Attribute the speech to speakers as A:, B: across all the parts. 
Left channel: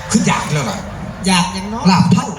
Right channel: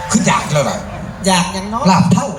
A: คืออยากเลยหรอ
B: อยากอย่างน้อย
A: ลาบเท่า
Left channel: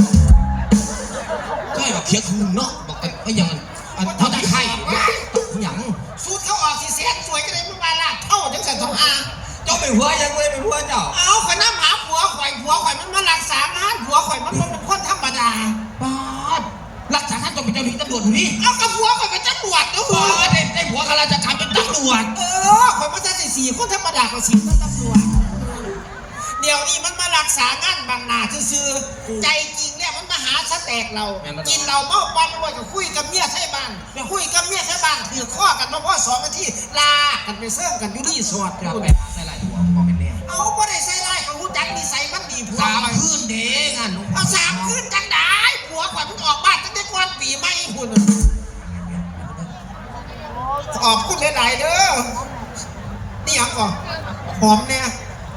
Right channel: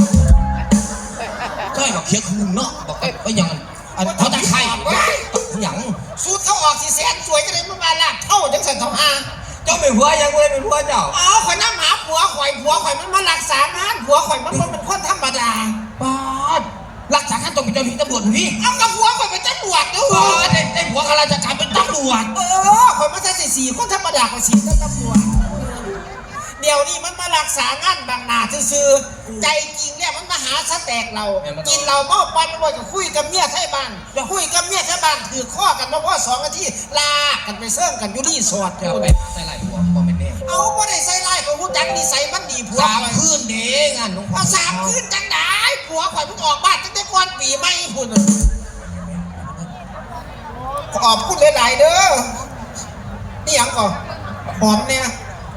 A: ก็ให้เราเคี้ยวคุณเนาะบอกกันว่าอย่างเขาจะใครอย่าง
B: สูตรเขาออกสีแสนสวยกันเลยมันมาลาบเท่าจังสันทองอา
A: เจ้าเป็นผัวยังไม่เป็นผัวเจ้า
B: เอาข่อยน้ำหาผัวข่อยมันมารักษางานผัวข่อยมันเป็นคนธรรมดา
A: ป้ารักษาการต้องเป็นเจ้าหน้าที่ตำรวจนี่
B: เอากับผัวข่อยเป็นตำรวจด้วย
A: ไอ้ผัวข้าราชการเป็นตำรวจ
B: ข่อยมาจะสี่คนธรรมดาข่อยสี่เป็นตำรวจเดี๋ยวนี้มันมารักษางานบางนาซื่อใจจริงเนี่ยมันมาหาสแต็กเรากินเราเมาปันด้วยกับคุยกับเมียไทยบ้านคุยกับเมียไทยบ้านถือข้อกันมาพ่อ2 นาทีลากันไปเสื่อมกันอยู่ที่สอด
A: เอาไปใส่ไรผัวบอกเป็นเนี่ย
B: เอาไม่ได้ใส่ไรของผู้จัดนิสัยมันดีผัว
A: 3 คืนเด้งาน
B: เอา3 คืนจังได้ผัวข่อยเพิ่งออกบ้านตั้งแต่ก่อนปีใหม่คุณขอบคุณหลายๆเด้อนี่ยังก่อนหอมเนี่ย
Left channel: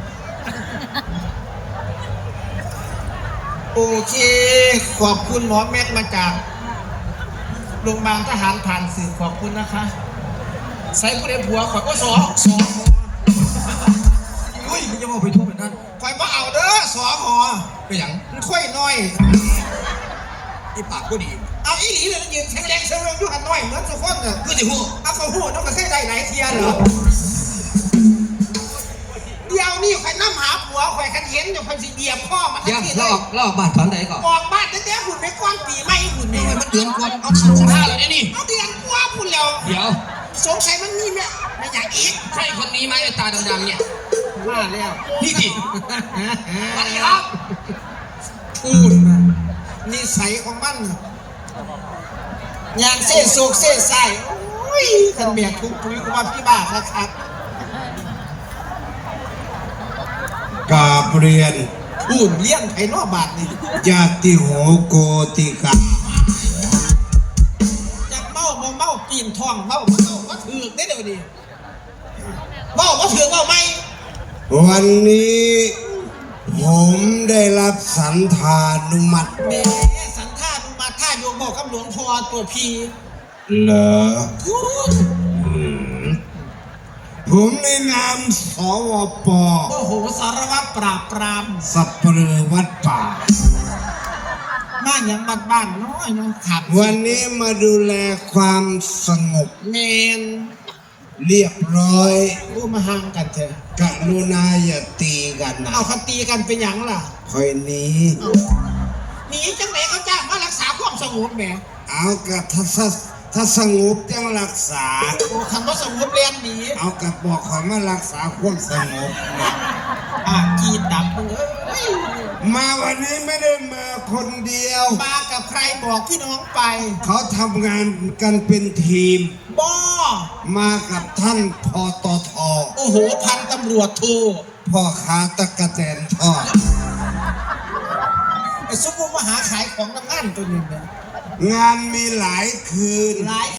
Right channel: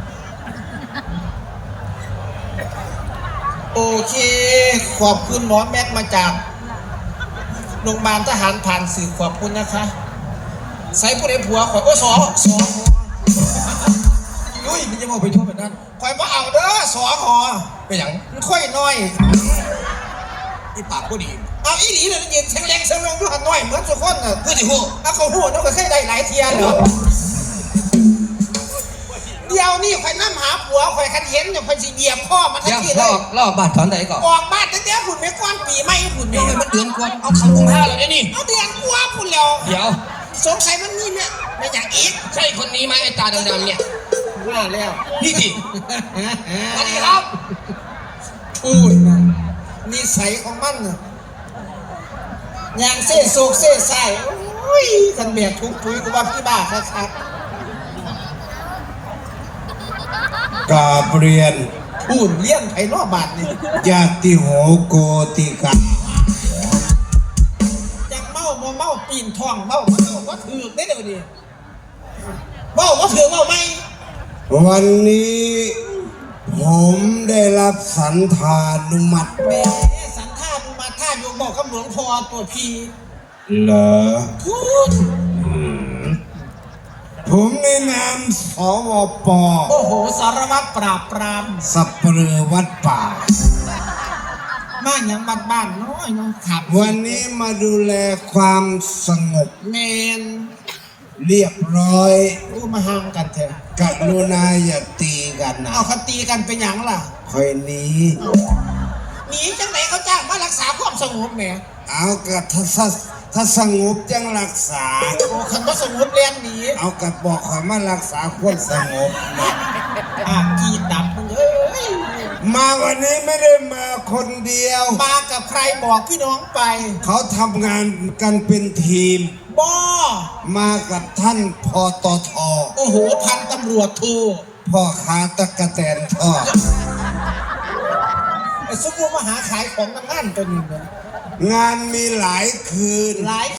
B: โอเคขอบคุณหมอแม็กมาจากโรงพยาบาลทหารผ่านสื่อขอบคุณนะคะใส่ผู้ใดผัวข่อยก็สอ
A: อุ้ยมันจะมาไปทั่วแบบนั้น
B: ข่อยมาเอาเด้อสอหอ
A: ไปอย่าง
B: ค่อยน้อย
A: ไอ้ปากก็ดี
B: เอาอีหลีเลยยืนแข็งแรงเสมออยู่หันน้อยเหมือนทุกคนเนอะ
A: เพื่อที่หัว
B: เอาเขาหัวต้องเคยได้หลายเทียนเหรอเดี๋ยวนี่ข่อยน้ำหาผัวข่อยคันเห็นอยู่ข่อยสิเบียบพ่อมันทันทีเลย
A: รอบบ้านตอนไหนก่อน
B: ออกบ้านตั้งแต่หุ่นไม่ก้อนปีไม่หุ่น
A: เนี่
B: เนี่ย
A: มันเดือนกว่าเอาเข้าท่าแล้วนี่
B: เอาเดือนกว่าพุ่นแล้ว
A: เดี๋ยว
B: สงสัยมันมีเนี่ยไม่อยากอีก
A: ใช่คนนี้ไหมไอ้ตาดำๆเนี่ย
B: ว่าแล้ว
A: พี่จิสวัสดีครับ
B: พูดนิสัยของมันอย่างเซ่โศกเซ่ใส่โอ้ยคนเมียทุกทุยก็ว่าพี่บ้านะครับ
C: กาเรียน
B: พูดเลี้ยงไผ่นอบาทนี่
C: ญาติโหโกติกา
B: ยังเมาปีนทองเมาว่าถือได้เดี๋ยวนี้ว่าถือว่าไม่
C: วันนี้ผมได้รับสันธานุมัติ
B: แม่สันธานุมัติท่าโยมบอกคำหลวงพ่อตัวพี
C: เหรอผมในนามสวป.
B: โอ้โหสารวัตรปราบปราม
C: สัปเหร่อวัดป่า
B: บ้านยังบ้านน้อยนะครับ
C: วันนี้มาดูแลความสงบ
B: เนน
C: เรียบร้อย
B: ดูมาห่างกันเถอะ
C: กรุณาอย่าตีกันนะ
B: เอาตีกันเป็นอย่างล่ะ
C: คอยหนี
B: จังไหนเขาจ้างมารักษาความสงบแหม
C: เอากระถ้าสงบจังรักษา
B: คำว่าสงบเรียนดี
C: เอากระบอกขอมารักษาความสงบนะ
B: กีตับ
C: มาวันนี้ไม่ได้มาคนเดียว
B: มากับใครบอกพี่น้องไป
C: เขาทำงานกันเป็นทีมมากับท่านพตท.
B: โอ้โหพันตำรวจโท
C: พ่อค้าตะกะแตนทอด
B: ไอ้ซุปมหาขายของน้ำมันตัวนี้เนี่ย
C: งานมีหลายคืน